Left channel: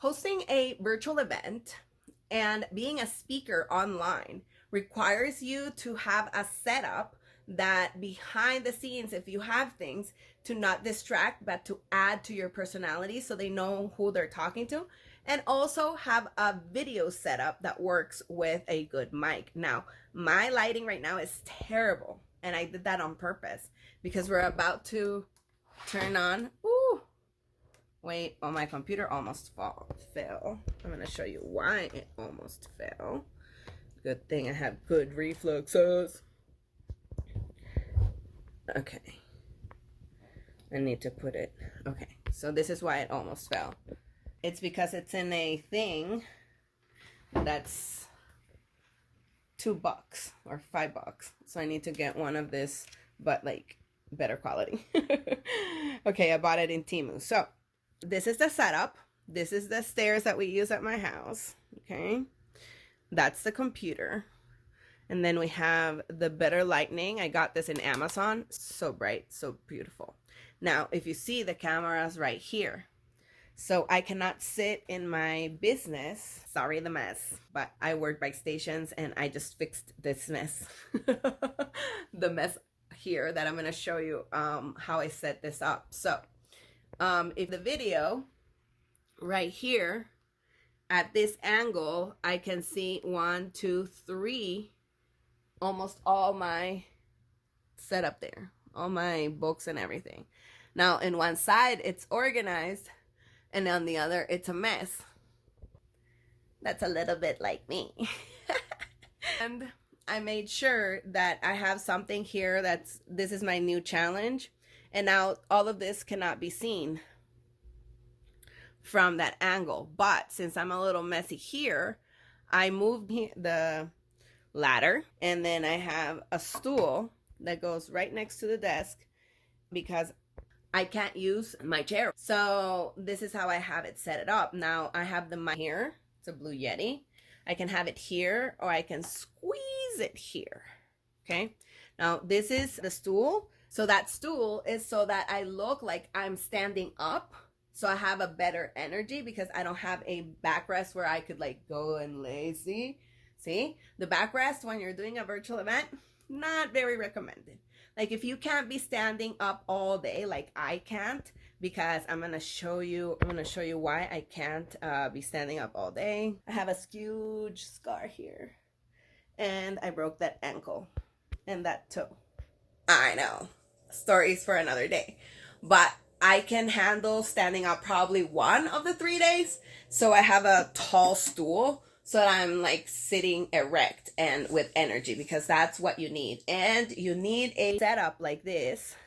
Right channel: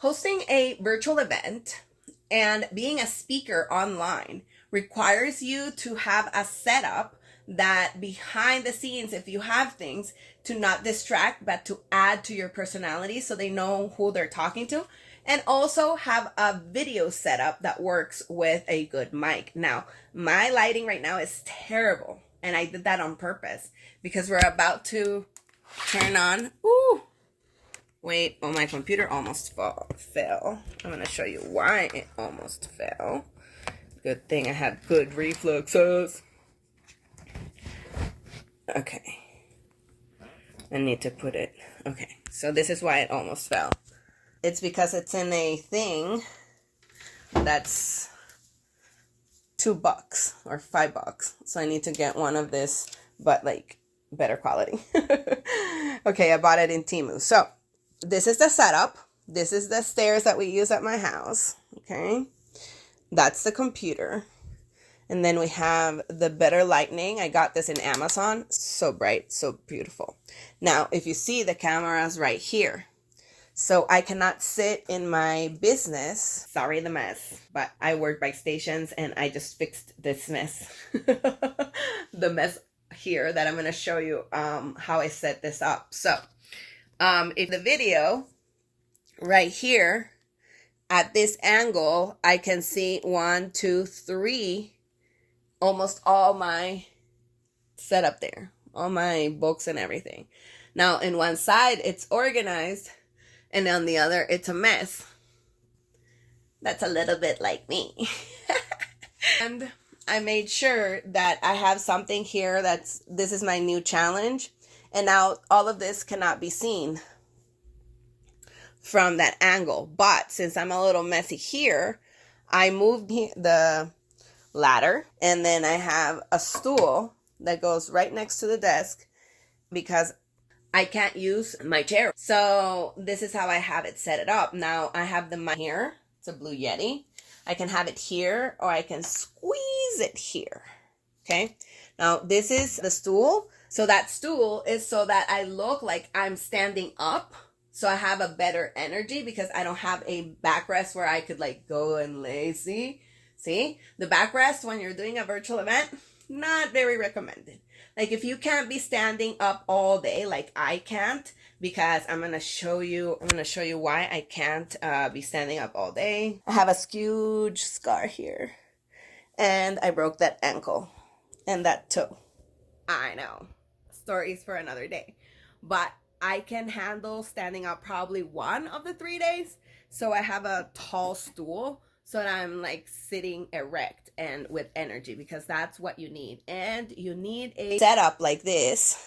Hosting a virtual event and being a speaker online requires you to have a setup that behind the scenes, if you have things, to not distract but to add to your personality so they know who they're talking to, and also have a video setup that works with a good mic. Now, my lighting right now is terrible, and I did that on purpose because we're about to turn on. Ooh, wait, oh, my computer almost fell. I'm gonna show you why it almost fell. Good thing I had good reflexes. Okay. I need to put it. Okay, so this is why it almost fell. It's because it's in a thing that's $2 or $5. So I need to get one of this, but like better quality. Okay, I bought it in Temu. So this is the setup. This is the stairs that we use at my house. Okay, that's the computer. And then we have the better lighting. I got this in Amazon. So bright, so beautiful. Now, if you see, the camera's right here. So I cannot sit in my business. Sorry, the mess. But I work by stations and I just fixed this mess. The mess here that I'm going to show you how I set this up. So if the video right here at this angle, I can see 1, 2, 3, almost all my setup there, all my books and everything. Now, in one side, it's organized, and on the other, it's a mess. That's a little bit like me. And I made sure that I have something here this is my new challenge. And now all of this cannot be seen from that angle. But since I'm a little messy here, I moved the ladder, and then I have a stool that goes right next to the desk because I can't use my chair. So this is how I have it set it up. Now I have the mic here. It's a Blue Yeti. I can have it here, or I can squeeze it here. Okay. Now this is the stool. So that stool is so that I look like I'm standing up. So I have a better energy because I don't have a backrest where I could like go and lazy. See, the backrest when you're doing a virtual event, not very recommended. Like if you can't be standing up all day, like I can't, because I'm going to show you why I can't be standing up all day. I have a huge scar here, and I broke that ankle and that toe. I know, stories for another day, but I can handle standing up probably 1 of the 3 days. So I have a tall stool so that I'm like sitting erect and with energy, because that's what you need. And you need a setup like this.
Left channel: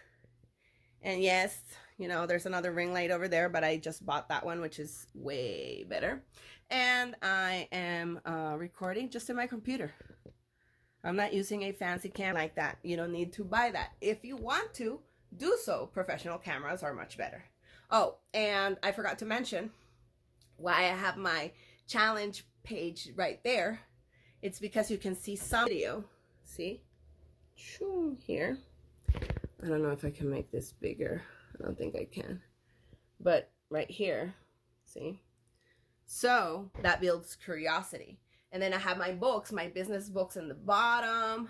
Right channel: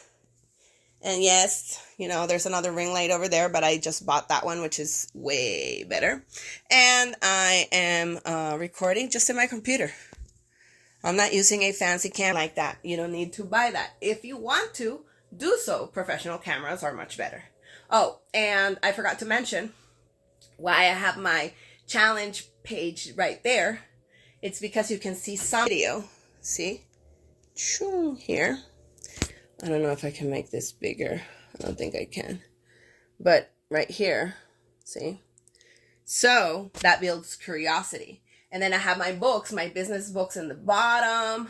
And yes, you know, there's another ring light over there, but I just bought that one, which is way better. And I am recording just in my computer. I'm not using a fancy camera like that. You don't need to buy that. If you want to, do so. Professional cameras are much better. Oh, and I forgot to mention why I have my challenge page right there. It's because you can see some video. See? Here. I don't know if I can make this bigger. I don't think I can. But right here, see? So that builds curiosity. And then I have my books, my business books in the bottom,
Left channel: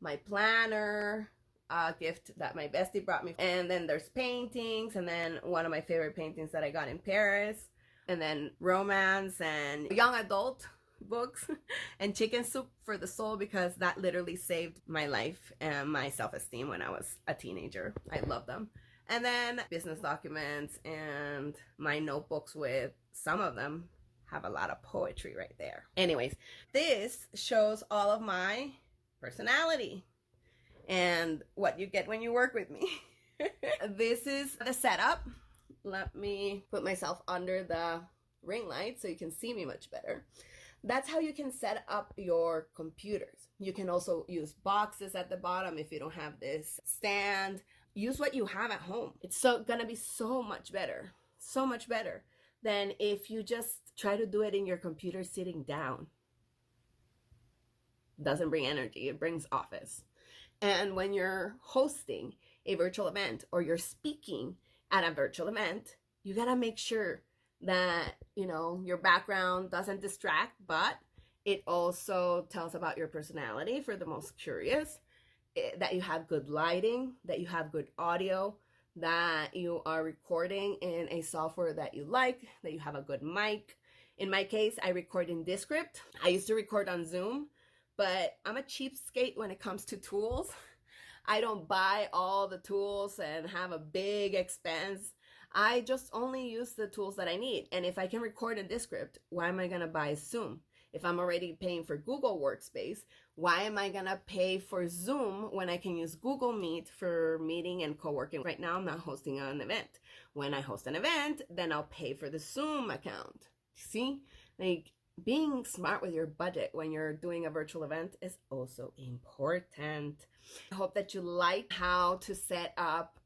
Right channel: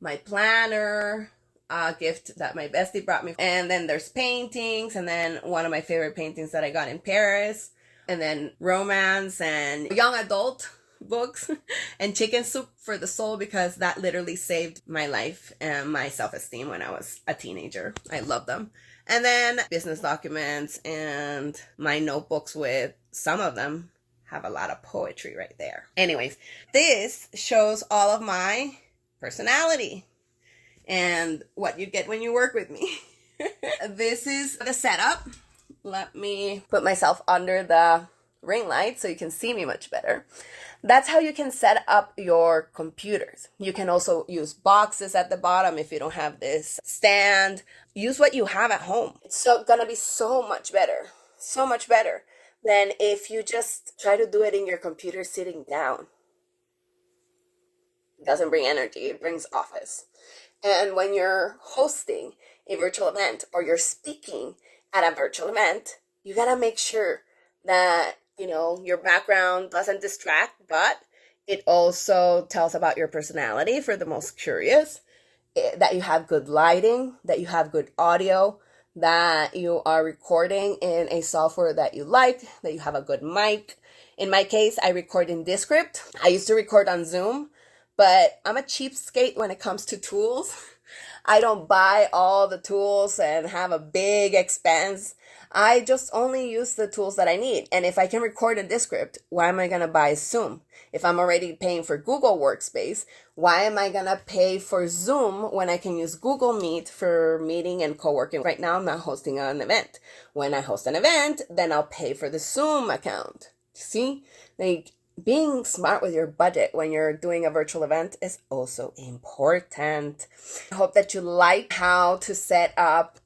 my planner, a gift that my bestie brought me. And then there's paintings, and then one of my favorite paintings that I got in Paris, and then romance and young adult books, and Chicken Soup for the Soul, because that literally saved my life and my self-esteem when I was a teenager. I love them. And then business documents and my notebooks, with some of them have a lot of poetry right there. Anyways, this shows all of my personality and what you get when you work with me. This is the setup. Let me put myself under the ring light so you can see me much better. That's how you can set up your computers. You can also use boxes at the bottom if you don't have this stand. Use what you have at home. It's gonna be so much better than if you just try to do it in your computer sitting down. It doesn't bring energy, it brings office. And when you're hosting a virtual event or you're speaking at a virtual event, you gotta make sure that, your background doesn't distract, but it also tells about your personality for the most curious, that you have good lighting, that you have good audio, that you are recording in a software that you like, that you have a good mic. In my case, I record in Descript. I used to record on Zoom, but I'm a cheapskate when it comes to tools. I don't buy all the tools and have a big expense. I just only use the tools that I need. And if I can record in Descript, why am I going to buy Zoom? If I'm already paying for Google Workspace, why am I going to pay for Zoom when I can use Google Meet for meeting and co-working? Right now, I'm not hosting an event. When I host an event, then I'll pay for the Zoom account. See? Like, being smart with your budget when you're doing a virtual event is also important. I hope that you like how to set up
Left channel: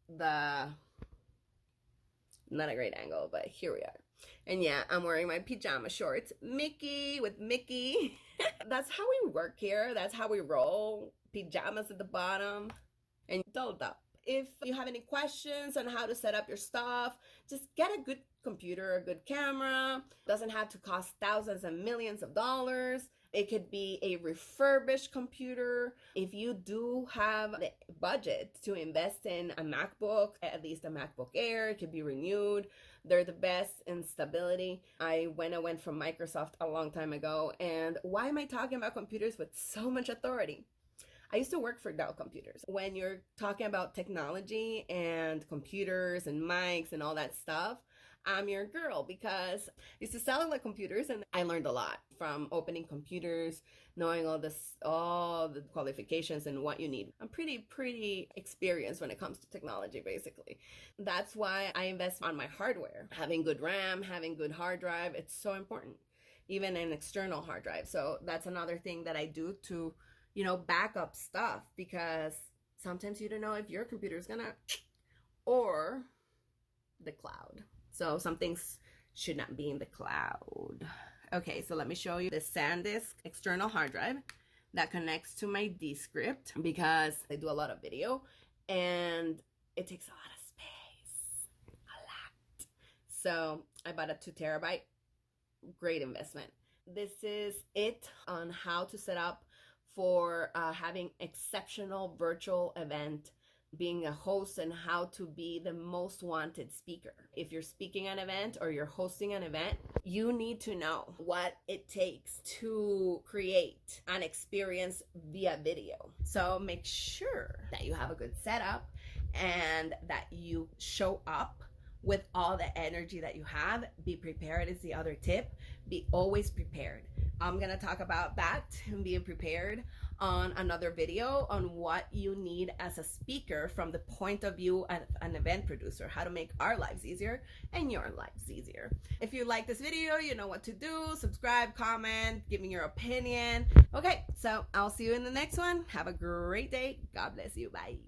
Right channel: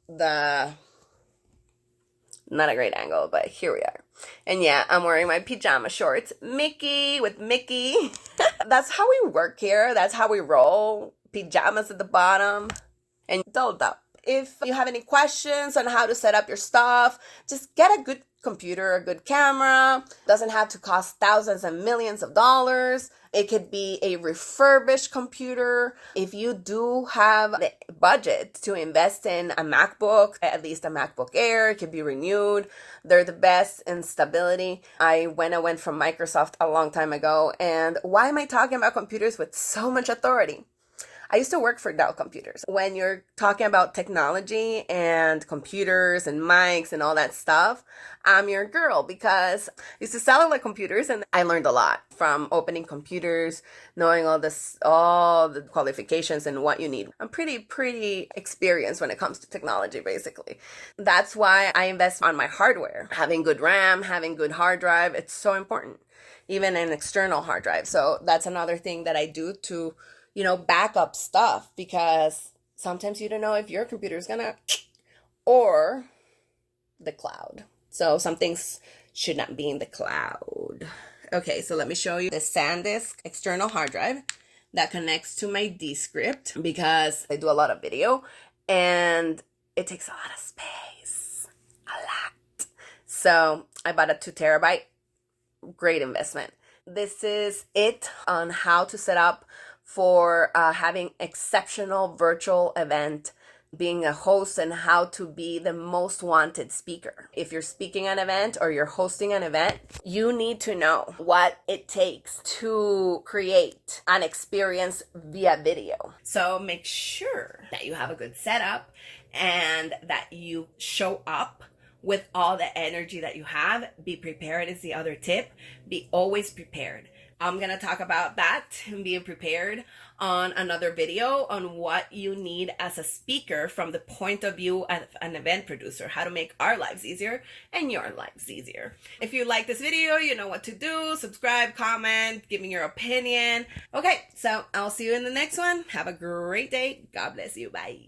not a great angle, but here we are. And yeah, I'm wearing my pajama shorts, Mickey with Mickey. That's how we work here. That's how we roll. Pajamas at the bottom and dolled up. If you have any questions on how to set up your stuff, just get a good computer, a good camera. Doesn't have to cost thousands and millions of dollars. It could be a refurbished computer. If you do have the budget to invest in a MacBook, at least a MacBook Air, it could be renewed. They're the best in stability. I went from Microsoft a long time ago. And why am I talking about computers with so much authority? I used to work for Dell Computers. When you're talking about technology and computers and mics and all that stuff, I'm your girl, because I used to sell the computers and I learned a lot from opening computers, knowing all the qualifications and what you need. I'm pretty experienced when it comes to technology, basically. That's why I invest on my hardware. Having good RAM, having good hard drive, it's so important. Even an external hard drive. So that's another thing that I do to backup stuff, because sometimes you don't know if your computer is gonna or the cloud. So some things should not be in the cloud. Okay, so let me show you the SanDisk external hard drive that connects to my Descript, because I do a lot of video and it takes a lot of space. A lot. So I bought a 2 terabyte. Great investment. This is it on how to set up for having exceptional virtual event, being a host, and how to be the most wanted speaker. If you're speaking an event or you're hosting an event, you need to know what it takes to create an experience via video. So make sure that you have a good setup and that you show up with all the energy that you have. Be prepared is the other tip. Be always prepared. I'm going to talk about that and being prepared on another video on what you need as a speaker from the point of view of an event producer, how to make our lives easier and your lives easier. If you like this video, you know what to do. Subscribe, comment, give me your opinion. Okay, so I'll see you in the next one. Have a great day. God bless you. Bye.